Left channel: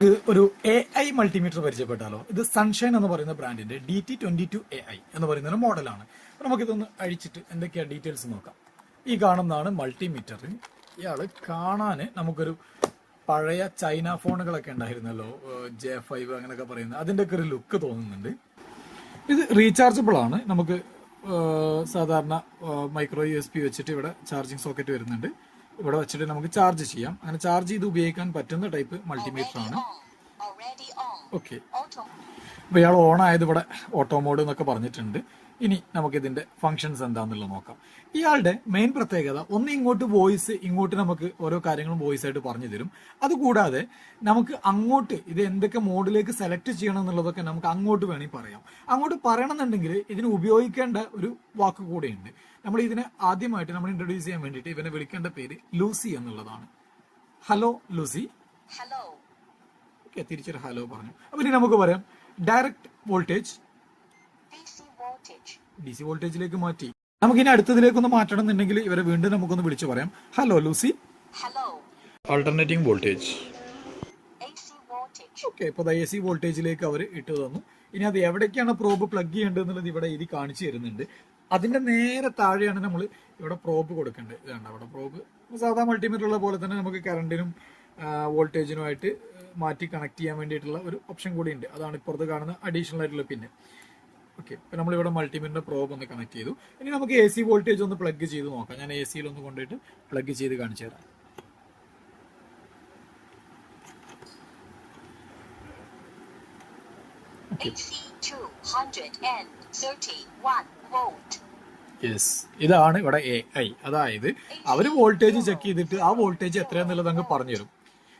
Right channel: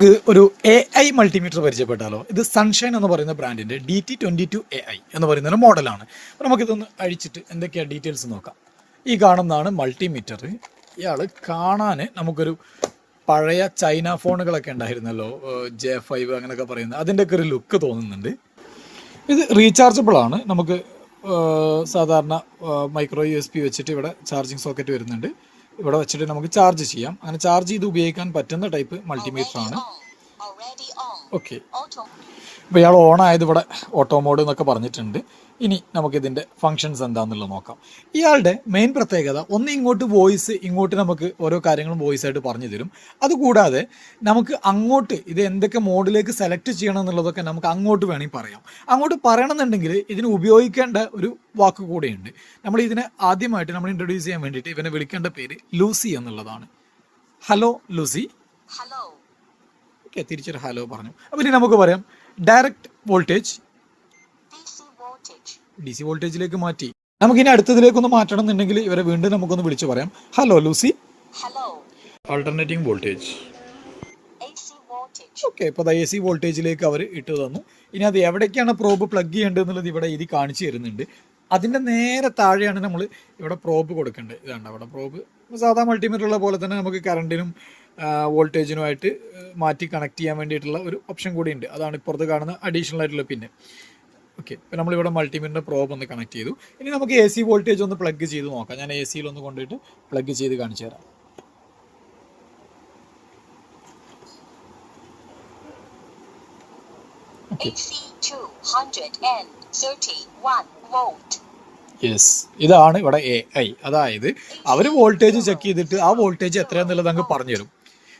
ഒരു A I multimeter പരിചയപ്പെട്ടാലോ? ഇത് sunshine എന്ന് പറയുന്ന ബ്രാൻഡിന്റെ D T twenty two A I എന്ന് പറയുന്ന ഒരു മോഡലാണ് നമുക്കിതൊന്ന് അഴിച്ചിട്ട് എന്തൊക്കെയാണ് ഡീറ്റെയിൽസ് നോക്കാം. ഈ കാണുന്നതാണ് മൾട്ടിമീറ്റർ ഇയാൾ കാണാൻ നമുക്കൊരു പഴയ ചൈന ഫോണുകളൊക്കെ ഉണ്ടായിരുന്നല്ലോ ജെ ഫൈവ് അങ്ങനെയൊക്കെ പറയുന്നത് അതിന്റെയൊക്കെ ഒരു ലുക്ക് തോന്നുന്നുണ്ട്. ഇത് റീചാർജബിൾ ആണ്. നമുക്ക് സാധാരണ മൈക്രോ യു എസ് പി വെച്ചിട്ട് ഇവിടെ ചാർജിങ് സോക്കറ്റ് വരുന്നുണ്ട്. ഇവിടെ വെച്ചിട്ട് നമുക്ക് ചാർജ് ചെയ്യാം. അങ്ങനെ ചാർജ് ചെയ്ത് ഉപയോഗിക്കാൻ പറ്റുന്ന ടൈപ്പ് മൾട്ടിമീറ്റർ ആണ്. ഓക്കെ. അപ്പോൾ ഇയാൾ ഓൺ ആയത് ഇവിടെ ഓട്ടോ മോഡ് എന്നൊക്കെ പറഞ്ഞിട്ടുണ്ട്. ഇനി നമുക്കിതിന്റെ ഫങ്ഷൻസ് എന്താണെന്നുള്ളത് നോക്കാം. ഇയാളുടെ മെയിൻ പ്രത്യേകത ഒന്ന് ഇങ്ങോട്ട് വോയിസ് ഇങ്ങോട്ട് നമുക്ക് ഓരോ കാര്യങ്ങളും വോയിസ് ആയിട്ട് പറഞ്ഞു തരും. അതുകൂടാതെ നമുക്ക് അങ്ങോട്ട് ഇത് എന്തൊക്കെ മോഡിലേക്ക് സെലക്ട് ചെയ്യണം എന്നുള്ളതൊക്കെ നമുക്ക് അങ്ങോട്ട് വേണമെങ്കിൽ പറയാം. അങ്ങോട്ട് പറയണമെന്നുണ്ടെങ്കിൽ ഇതിന് ഉപയോഗിക്കേണ്ട ഒരു വാക്ക് കൂടെയുണ്ട്. നമ്മൾ ഇതിനെ ആദ്യമായിട്ട് നമ്മൾ ഇൻട്രൊഡ്യൂസ് ചെയ്യാൻ വേണ്ടിയിട്ട് ഇവനെ വിളിക്കേണ്ട പേര് ലൂസി എന്നുള്ളതാണ്. Hello Lucy. Hello. ഓക്കെ തിരിച്ചൊരു ഹലോ പറഞ്ഞു. അപ്പൊ ഇനി നമുക്ക് പറയാം. Direct voltage DC voltage. D C വോൾട്ടേജിലേക്ക് മാറ്റി. നമുക്കിനി അടുത്തതിലേക്കൊന്ന് മാറ്റണം എന്നുണ്ടെങ്കിൽ ഇവരെ വീണ്ടും നമുക്കൊന്ന് വിളിച്ചു പറയാം. Hello Lucy Hello. Alternating voltage AC voltage. Okay ഇപ്പോൾ എ സി വോൾട്ടേജിലേക്ക് അവർ ഇട്ട് തന്നു. ഇനി അത് എവിടേക്കാണ് പ്രോബ് പ്ലഗ് ചെയ്യേണ്ടത് എന്നുള്ളത് ഇവിടെ ഇത് കാണിച്ചു തരുന്നുണ്ട്. അതിന്റെ നേരെ താഴെയാണ് നമ്മൾ ഇവിടെ പ്രോബ് കൊടുക്കേണ്ടത്. ഇതാണ് അവിടെ പ്രോബ് സാധാ മൾട്ടിമീറ്റർ ഉള്ള പോലെ തന്നെ നമുക്ക് കറണ്ടിനും വോൾട്ടേജിനുമായിട്ട് മാറ്റി കണക്ട് ചെയ്യാൻ വേണ്ടിയിട്ടുള്ള ഒരു ഓപ്ഷൻ കൂടി ഉണ്ട്. അതാണ് ഇപ്പുറത്ത് കാണുന്ന അഡീഷണൽ ആയിട്ടുള്ള പിന്നെ ഓക്കെ ഇപ്പം നമ്മളിവിടെ മൾട്ടിമീറ്റർ പ്രോബ് ഒന്ന് കണക്ട് ചെയ്തു. ഇനി നമുക്ക് എ സി വോൾട്ടേജ് ഒന്ന് പ്ലഗ് ചെയ്ത് നോക്കാം. ഞാൻ എ സിയിൽ ഒന്ന് കൊണ്ടുപോയിട്ട് പ്ലഗ് ചെയ്ത് കാണിച്ചു തരാം. AC 231 volt. യെസ് ഇതാണ് ഇവിടെ എ ഐ അതായത് അവർ വോൾട്ടേജ് ചെക്ക് ചെയ്തിട്ട് ആ വോൾട്ടേജ് എത്രയാന്നുള്ളത് അങ്ങ് പറഞ്ഞു തരും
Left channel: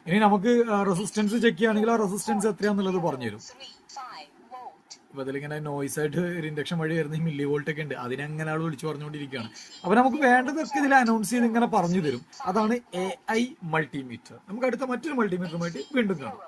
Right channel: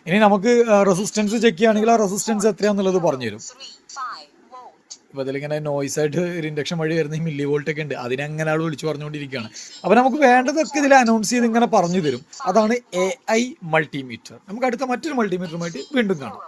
ഇനി നമുക്ക് റെസിസ്റ്റൻസ് ചെക്ക് ചെയ്യുകയാണെങ്കിൽ ആ റെസിസ്റ്റൻസ് എത്രയാണെന്നുള്ളത് പറഞ്ഞുതരും 35 volt. ഇപ്പോൾ അതിലിങ്ങനെ നോയ്സ് ആയിട്ട് ഒരു ഇൻഡക്ഷൻ വഴി വരുന്ന മില്ലി വോൾട്ട് ഒക്കെ ഉണ്ട് അതിനങ്ങനെ ആൾ വിളിച്ചു പറഞ്ഞുകൊണ്ടിരിക്കുകയാണ് അപ്പൊ നമുക്ക് വേണ്ടതൊക്കെ ഇതിൽ അനൗൺസ് ചെയ്ത് ഇങ്ങനെ പറഞ്ഞു തരും അതാണ് എ ഐ മൾട്ടിമീറ്റർ നമുക്ക് അടുത്ത മറ്റൊരു മൾട്ടിമീറ്ററുമായിട്ട് വീണ്ടും കാണാം.